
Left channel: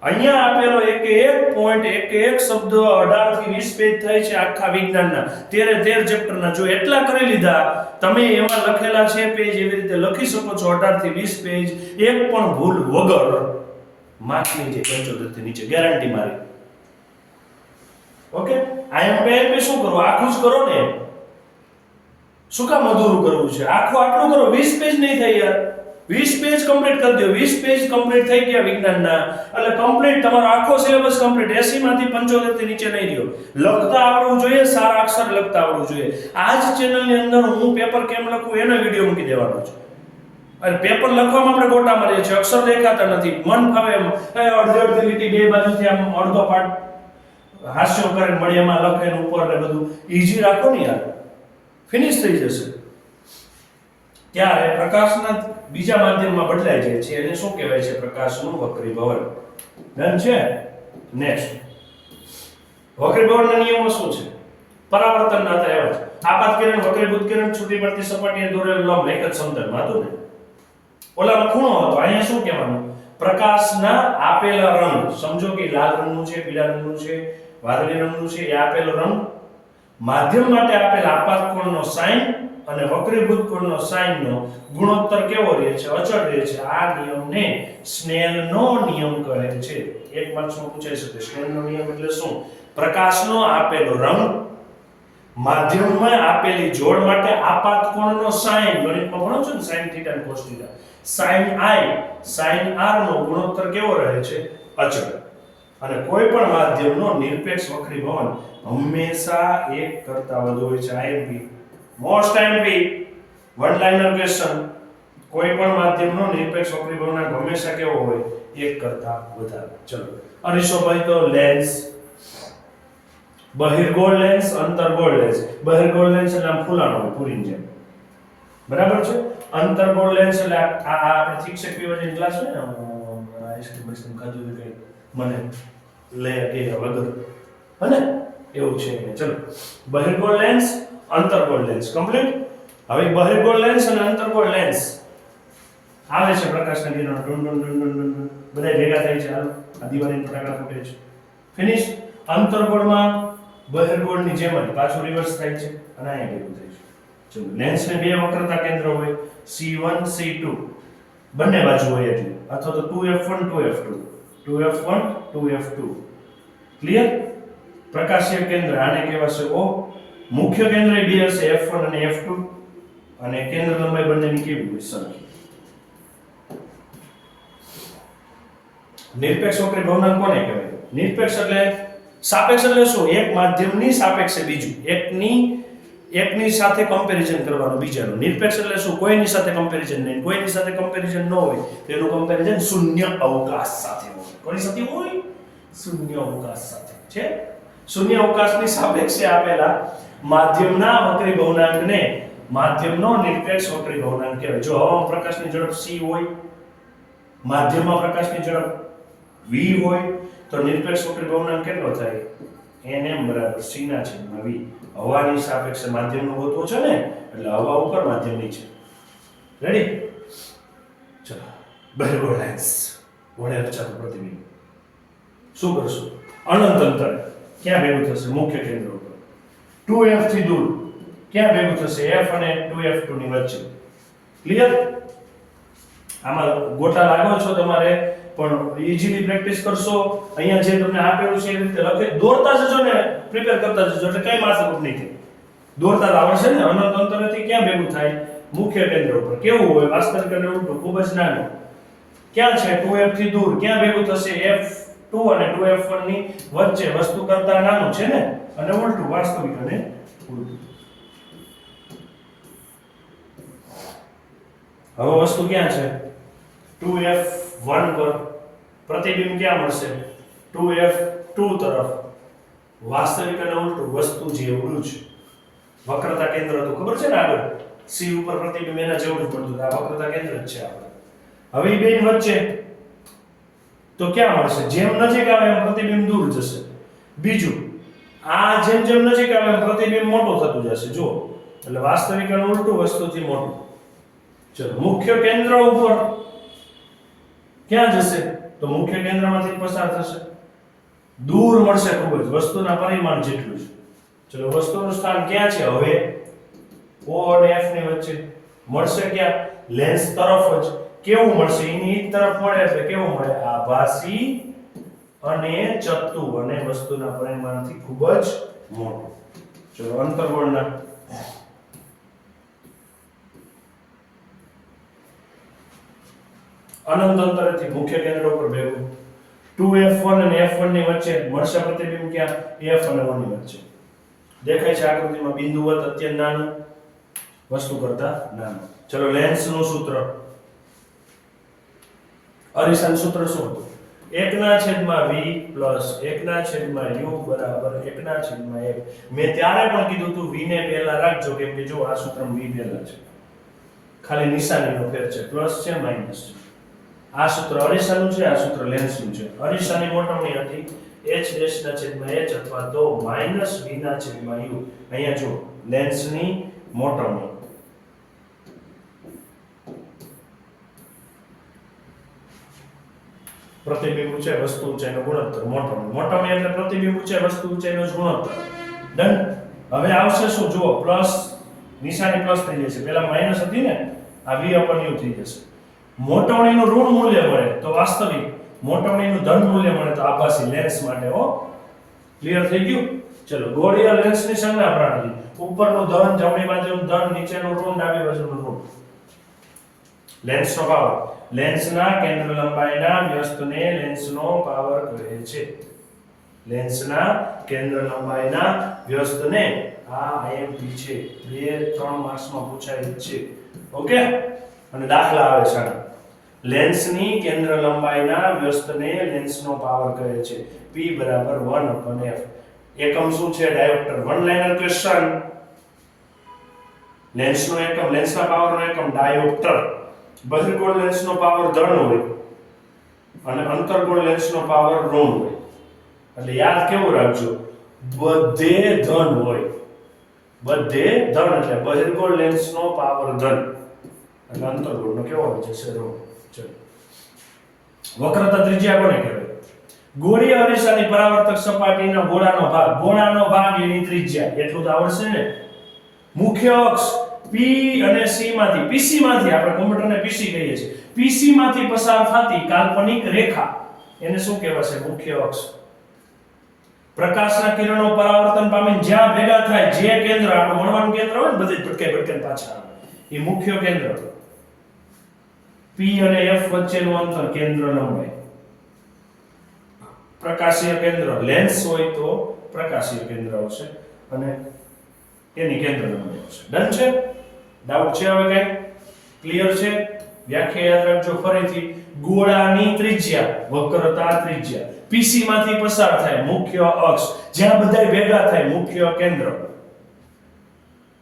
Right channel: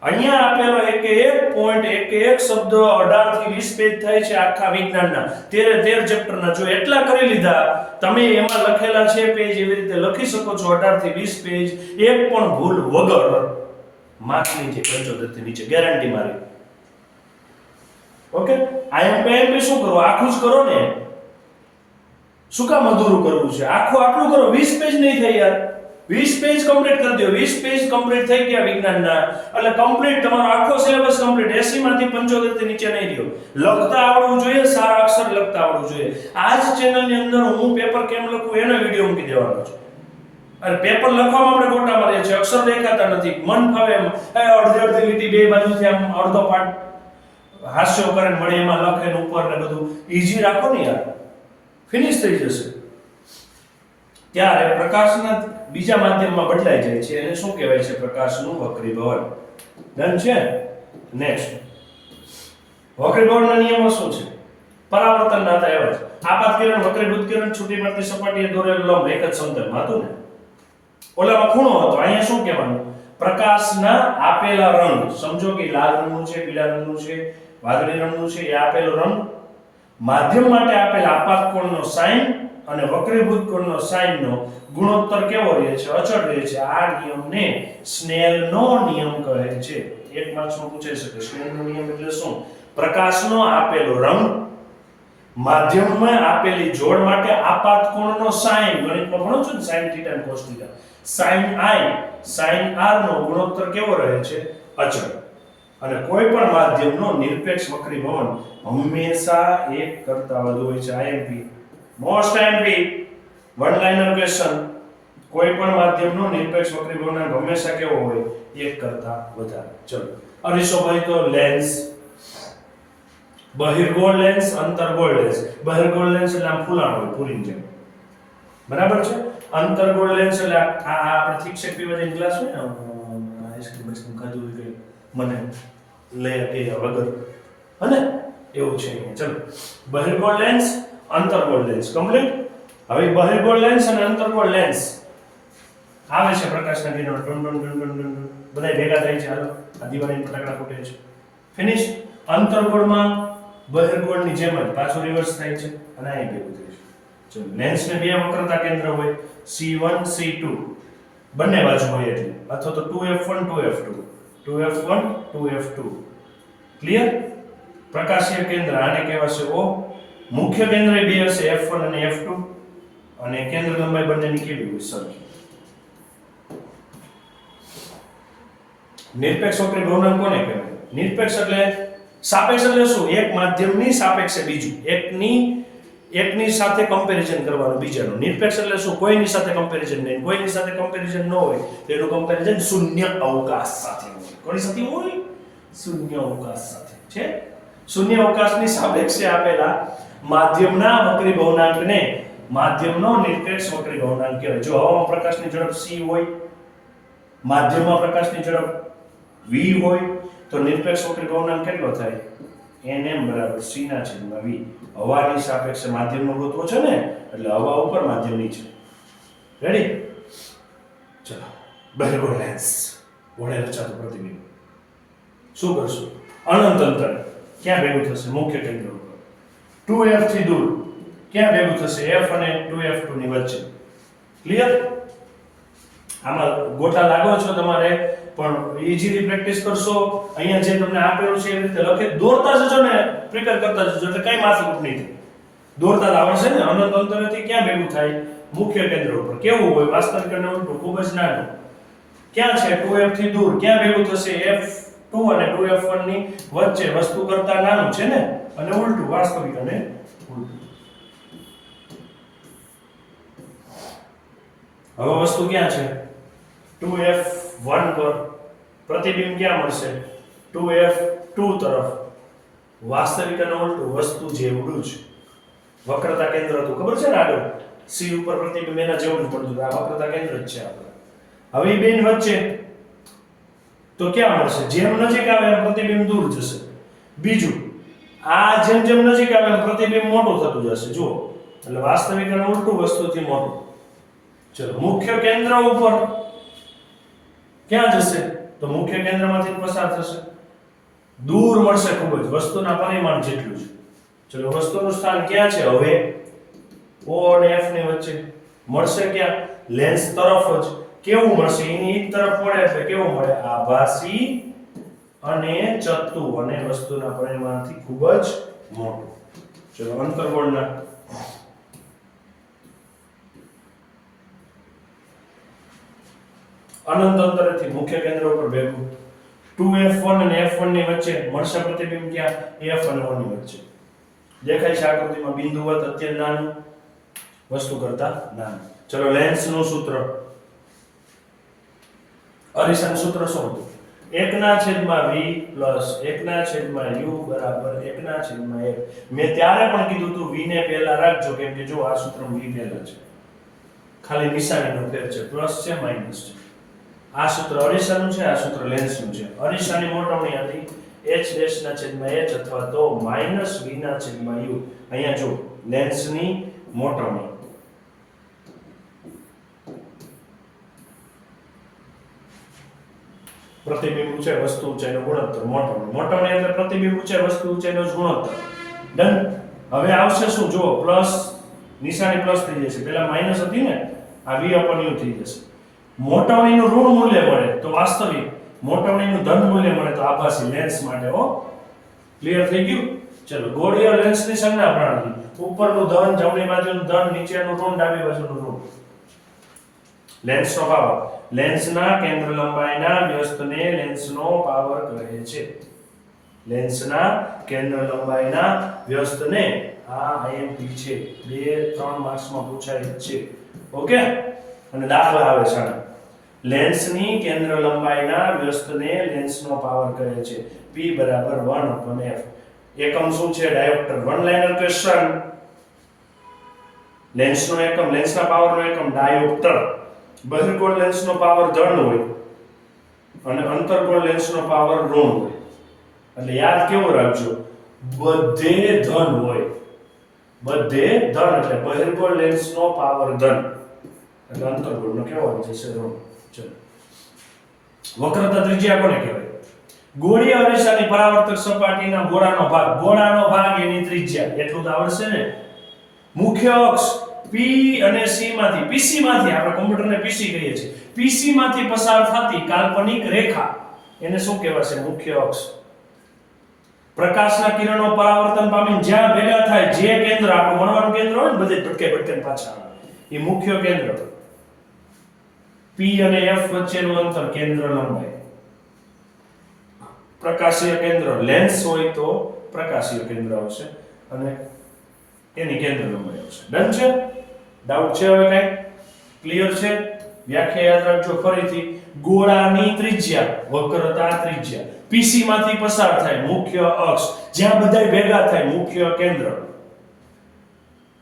અહીંયા આપેલો એક પોઈન્ટ, એક શબ્દ 18 થી 20 પેજ થાય છે આખા વિજ્ઞાનના 13 ચેપ્ટરના. જો એટલા કરી લીધા તમે, એમાં લખેલા છે પેજ, એવી રીતે લખી શકો છો 18 થી 20 પેજ, એક પણ ભૂલ વગર માર્કની જે 75 થી નીચે ગેરંટી મારી. ઓકે? આઈએમપી શું કરો? આખું જ કરો ને. શું કામ અધૂરું કરવું છે? આખું આટલું કરો, 20 પેજ નહીં થાય યાર. 20 પેજ કમ્પ્લીટ કરી દો. 20 પેજ કમ્પ્લીટ થઈ ગયા વિજ્ઞાનના, એટલે કમ્પ્લીટ તમારો આખો સિલેબસ કમ્પ્લીટ. 80 માંથી 75 થી નીચે નહીં રહ્યો. લખતા આવડવું જોઈએ, સારા અક્ષર લખતા આવડવું જોઈએ. આ જ ચેનલની અંદર હું પેપર કેમ લખું એનો વિડિયો મૂકી દેવાનો છે. અને પેપર લખવામાં આપણે ગોટા મારીએ છીએ, અક્ષર દેખાતા નથી, મન ફાવે એમ અડધી લીટી બે બાજુથી આમ અડધો પાઠ હાસ્ય કરે મળે એમાં લખે ને ઉપર ને બધું ઈઝી રાખો ને યાર, ફિનિશ થઈ જશે. ત્યારે પ્રકાશના બીજા માધ્યમમાં બદલાઈ જાય છે, એને શું કહેવાય છે? પ્રકાશનું વક્રીભવન. ડન છે? નેક્સ્ટ, વક્રીભવનના નિયમો શું છે? પરાવર્તનના હતા એવા જ. આપાત કિરણ, વક્રીભૂત કિરણ, છૂટી પડતી સપાટીએ દોરેલું લંબ એક જ સમતલમાં હતું ને. ઓલામાં ખૂણો હતો, અહીંયા શું કહેવાનું? પ્રકાશના આપેલા રંગ, સમજો કે લાલ રંગનું છે, પીળા રંગનું છે, વાદળી રંગનું છે, એ આપેલો રંગ માધ્યમ માટે આપેલા આપાત કોણનો સાઇન અને વક્રીભૂત કોણનો સાઇનનો ગુણોત્તર કેવો રહે છે? અચળ રહે છે. આ નિયમને સ્નેલનો નિયમ કહે છે. એક માર્ક્સમાં પૂછાઈ શકે. સ્નેલનો નિયમ એટલે શું? પ્રકાશનો આપેલો રંગ માધ્યમમાં આપેલી જોડ માટે આપાત કોણનો સાઇન, ગણિતમાં ભણો છો ને sin θ અને cos θ, sin i sin r નો ગુણોત્તર કેવો રહે છે? અચળ. અને કોઈ પણ માધ્યમનો નિરપેક્ષ વક્રીભવન હંમેશા 1 કરતા વધુ હોય છે. IMP most IMP one liner question. કોઈ પણ માધ્યમનો નિરપેક્ષ વક્રીભવન હંમેશા કેવો હોય? 1 કરતા વધારે. ચલો, અરીસો ભાઈ તો લેન્સ, બહિર્ગોળ લેન્સ, અંતર્ગોળ લેન્સ. બહિર્ગોળ લેન્સ એટલે આમ ફૂલાણો હોય પૂરીની જેમ, બરાબર છે. અંતર્ગોળ લેન્સ એટલે આ આપણે ઠીક છે પીવા જઈને ગ્લાસ હોય ને, આઈસ્ક્રીમ બસ્ક્રીમ ખાધું હોય કઈ મને લે એ વગર, હને એવું છે. ચલો, બહિર્ગોળ લેન્સ, અંતર્ગોળ લેન્સ કમ્પ્લીટ. હવે બહિર્ગોળ લેન્સ અને અંતર્ગોળ લેન્સ આવે છે પ્રકાશના કિરણો બધા ભેગા થાય છે. હાલો, આ દિવાળીના ફટાકડા ફૂટે છે. ફિનિશ. અંતર્ગોળમાં બહિર્ગોળની જેમ જ પાછું રિવર્સ થાય છે અને અહીં ભેગું થાય છે. ચલો, લેન્સને બે વક્રતા કેન્દ્ર હોય, C1 C2 બંને બાજુ હોય એટલે, અથવા તો 2f1 2f2 2f1 2f2. Clear? પ્રકાશીય કેન્દ્ર આને કહેવાશે O. મુખ્ય કેન્દ્ર બે હશે, f1 અને f2, અને કેન્દ્ર લંબાઈ બંનેની કેવી હોય? સરખી. નિરપેક્ષ વક્રીભવનાંક કોને કહેવાય? નિરપેક્ષ એટલે સાપેક્ષ એટલે શું? એક માધ્યમની સાપેક્ષે બીજું, એકની સાથે કમ્પેરિઝન કરવાનું બીજાનું. નિરપેક્ષ એટલે શું? કોઈની સાથે કમ્પેરિઝન નહીં, કોઈની સાથે કમ્પેરિઝન ન હોય તેનું કમ્પેરિઝન શૂન્ય અવકાશ સાથે હોય. કોની સાથે હોય? શૂન્ય અવકાશ સાથે. છે શૂન્ય અવકાશની સાપેક્ષે આપેલા માધ્યમના વક્રીભવનાંકને માધ્યમનો નિરપેક્ષ વક્રીભવનાંક કહેવાય. જો હવામાં પ્રકાશની ઝડપ c હોય, માધ્યમમાં પ્રકાશની ઝડપ v હોય, તો નિરપેક્ષ વક્રીભવનાંક કેટલો થાય? nm બરાબર c ના છેદમાં v. હવાની સાપેક્ષે માધ્યમનો ગોતવો છે ને, એટલે હવા ઉપર, માધ્યમ નીચે. રેડી? ચલો, બહિર્ગોળ લેન્સ વડે રચાતું પ્રતિબિંબ શું કરશું? અનંત અંતરે ક્યાં ભેગું થશે? મુખ્ય કેન્દ્ર ઉપર. 2f થી દૂર ક્યાં ભેગું થશે? f અને 2f2 ની વચ્ચે. ક્લિયર? આમાં ગોટા લાગો છો તમારે પણ ઈઝીલી પ્રેક્ટિસ કરશો. અહીંયા જે તમને આપેલું છે એવી રીતે લખી દોરતા જજો ને પ્રિપેર કરતા જજો એટલે કઈ માથાકૂટ નહીં થાય. દોરતા જ આવડશે ને. અનંત અંતરથી ક્યાં ભેગું થાય? મુખ્ય કેન્દ્ર ઉપર. કેવું હોય? વાસ્તવિક અને ઉલટું. ખૂબ જ નાનું. ક્યાં છે? 2f થી દૂર. ક્યાં ભેગું થશે? f2 અને 2f1 ની વચ્ચે. વસ્તુ કરતા નાનું છે ને. અને ઉલટું, વાસ્તવિક અને ઉલટું. હવે વસ્તુ ક્યાં છે? 2f1 પર પ્રતિબિંબ ક્યાં મળશે? 2f2 તરફ. વાસ્તવિક અને ઉલટું, વસ્તુ જેવડું જ. વક્રતા કેન્દ્ર હતું, ખબર છે ને આગળ? C ઉપર પ્રતિબિંબ એના જેવડું પડતું. આ વક્રતા કેન્દ્ર જ છે આપણે. હવે બેન વચ્ચે તો ક્યાં મળશે? જેમ નજીક આવે એમ પ્રતિબિંબ દૂર જશે. બીજું, આ જેમ જેમ નજીક આવે એમ પ્રતિબિંબ મોટું થતું જશે. જુઓ, એટલે વાસ્તવિક અને ઉલટું વસ્તુથી મોટું. ચલો, મુખ્ય કેન્દ્ર ઉપર ક્યાં જશે? તો મુખ્ય કેન્દ્રમાંથી પસાર થશે. દૂર મળશે ખૂબ જ, વસ્તુના પરિમાણ જેટલું જ. ચલો, વસ્તુનું સ્થાન ક્યાં છે? હવે O અને F ની વચ્ચે મળશે. ક્યાં? લેન્સ તરફ જ. કેવું મળશે? એની તરફ મળે એટલે કેવું મળે? આભાસી અને ચત્તુ, અને વસ્તુના પરિમાણથી ખૂબ જ મોટું. ચલો, અંતર્ગોળના અનંત અંતરેથી મુખ્ય કેન્દ્ર ઉપર ભેગું 2f1 અને f1 ની વચ્ચે મળશે પ્રતિબિંબ. ક્યાં? f અને 1 ની વચ્ચે. દેખાય છે આકૃતિમાં બિંદુવત, અત્યંત નાનું, વસ્તુ કરતા નાનું. ચલો, લેન્સનું સૂત્ર, અરીસાનું સૂત્ર શું હતું? 1/v + 1/u બરાબર 1/1. મેં ત્યારે પણ કીધું હતું v ને પહેલા રાખજો, કેમ કે જો આ સૂત્રમાં v પહેલા છે, ખાલી નિશાનીનો ફેર છે, પ્લસ છે માઈનસ છે. આ સૂત્ર અરીસાનું છે, આ સૂત્ર લેન્સનું છે. અરીસાની મોટવણી હતી h'/h અથવા તો -v/u. અહીંયા જો લેન્સની મોટવણી, પ્રતિબિંબ ઊંચાઈ વસ્તુ ઊંચાઈનો ગુણોત્તર. મોટવણી એટલે પ્રતિબિંબ ઊંચાઈ વસ્તુ ઊંચાઈનો જ ગુણોત્તર. ડન. હવે આવશે શું? જુઓ, પ્લસ નિશાની પ્લસ થઈ જશે. પહેલા માઈનસ હતી ને, આ v/u થઈ જશે. મોટવણીનું ઋણ મૂલ્ય મળે તો વાસ્તવિક, મોટવણીનું ધન મૂલ્ય મળે તો આભાસી. લેન્સ માટે હો. ક્લિયર થઈ ગયું? ચલો, ગોળીય લેન્સની સંજ્ઞા પ્રણાલી. ઉપરનું ધન, જમણી બાજુનું ધન, નીચેનું ઋણ, ડાબી બાજુનું ઋણ. લેન્સનો પાવર, લેન્સના કેન્દ્ર લંબાઈના વ્યસ્તને લેન્સનો પાવર કહે છે. લેન્સના કેન્દ્ર લંબાઈના વ્યસ્તને, આ IMP છે, 2-3 માર્ક્સમાં પૂછાય છે. ઓકે? અને દાખલા આવે છે. લેન્સની કેન્દ્ર લંબાઈના વ્યસ્તને લેન્સનો પાવર કહે છે. P = 1/f. એકમ શું છે? ડાયોપ્ટર. One liner question. લેન્સનો એકમ, લેન્સના પાવરનો એકમ ડાયોપ્ટર. બહિર્ગોળ લેન્સનો પાવર ધન હોય અને અંતર્ગોળ લેન્સનો પાવર ઋણ હોય. એટલે યાદ કેવું રાખજો? બધે ધન હોય. બધે ધન એટલે બહિર્ગોળ લેન્સનો પાવર ધન અને અંતર્ગોળનો કેવો હોય છે? ઋણ. ચલો, વક્રતા ત્રિજ્યા કોને કહેવાય? ગોળીય અરીસાની પરાવર્તક સપાટીના ગોળાનો ભાગ. ગોળાનો ભાગ એની ત્રિજ્યા. એટલું તો આવડશે ને. મુખ્ય અક્ષ P અને C માંથી, PC માંથી, આપણે કોમ્પ્યુટરને PC કહીએ છીએ, PC માંથી પસાર થતી કાલ્પનિક રેખા એને શું કહેવાશે? મુખ્ય અક્ષ. પ્રકાશના કિરણો પરાવર્તન પામીને જ્યાં ભેગા થાય, જે કેન્દ્ર આપણું મળવાનું કેન્દ્ર હોય ને, બધે ભટકાઈ પાછા આવે, એ મુખ્ય કેન્દ્ર. P અને F વચ્ચેનું અંતર કેન્દ્ર લંબાઈ. પ્રકાશીય કેન્દ્ર, લેન્સ હોય તો પ્રકાશીય કેન્દ્ર આવશે અને એની કેન્દ્ર લંબાઈ આવશે. ડન છે? ડાઉટ છે હવે કઈ? ક્લિયર છે? વ્યાખ્યા યાદ રાખજો ફરીથી. ગોળાની ત્રિજ્યા, વક્રતા ત્રિજ્યા, PC માંથી પસાર થાય મુખ્ય અક્ષ, જ્યાં બધાય ભેગા થાય મુખ્ય કેન્દ્ર.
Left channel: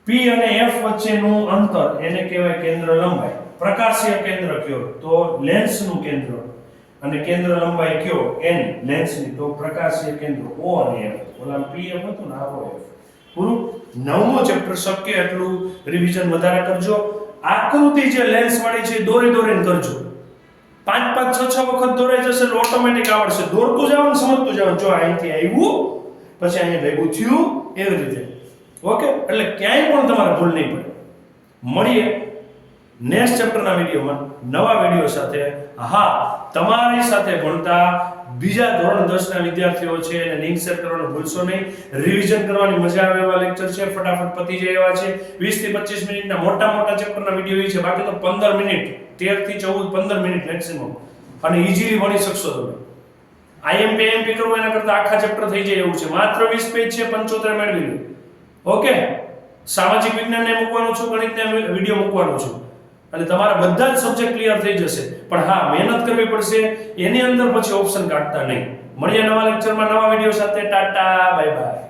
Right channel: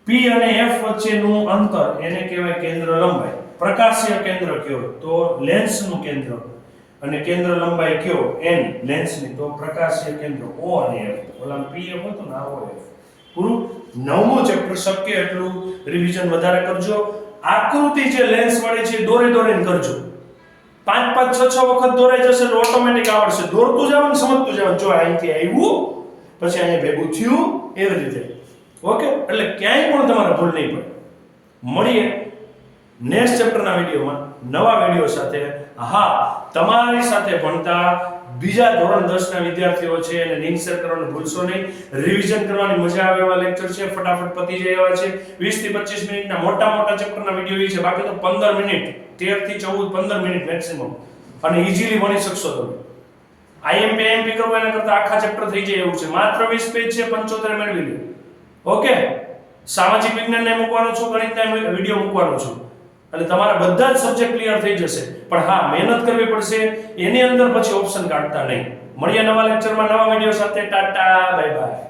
P અને F વચ્ચેનું અંતર એને કહેવાય કેન્દ્ર લંબાઈ. પ્રકાશીય કેન્દ્ર કયો? તો લેન્સનું કેન્દ્ર. અને કેન્દ્ર લંબાઈ કયો? એની, લેન્સની, તો પ્રકાશીય કેન્દ્ર O અને F. ઓલા PF હતો ને, આ OF. પૂરું. 9મું ચેપ્ટર શક્ય એટલું રિવિઝન વધારે કરજો. આકૃતિ જે લેન્સ વાળી છે દોરીને કરજો. 5-5, 6-6 વખત દોરાઈ જશે એટલે ઓટોમેટિક આવડશે. દોરતું જવાનું, સમજતું જવાનું. જો અહીંથી આવ્યું, પછી અહીંયા ભેગું થયું, એવી રીતે. ઓકે? એટલે ક્યાંય પણ તમારે ભૂલ નહીં પડે. મળીએ નેક્સ્ટ ચેપ્ટરના વિડીયોમાં. નવા વિડીયો સાથે. હા, તમારી સાથે ભણતા બીજા ધોરણ 10 ના વિદ્યાર્થીઓ છે અને લિંક શેર કરવાનું ભૂલશો નહીં. રિવિઝન કરવાની મજા આવે એવા લેક્ચર છે, ફટાફટ પતી જાય એવા છે. 20 થી 25 મિનિટના મોટા ચેપ્ટરના વિડીયો છે, બાકી તો 15 મિનિટ, 13 થી 14 15 મિનિટ મેક્સિમમ, અને ઈઝીલી ભણી શકશો તમે. આઈએમપી કરવું એના કરતા આખા ચેપ્ટર થઈ જાય એવું છે. માત્ર 20 પેજ છે, 75 મેળવી લો. ઓકે, સામાજિક વિજ્ઞાનને મૂકવાનું છું, ગણિતના વિડીયો મૂકવાનું છું, એટલે તમારા બધા જ સબ્જેક્ટ ક્લિયર થઈ જશે. પણ હા, મહેનત કરવી પડશે. એની અંદર પછી ઓપ્શન કાઢતા નહીં. મળીએ નવા લેક્ચરમાં નવા વિડીયો સાથે. Tata, bye bye.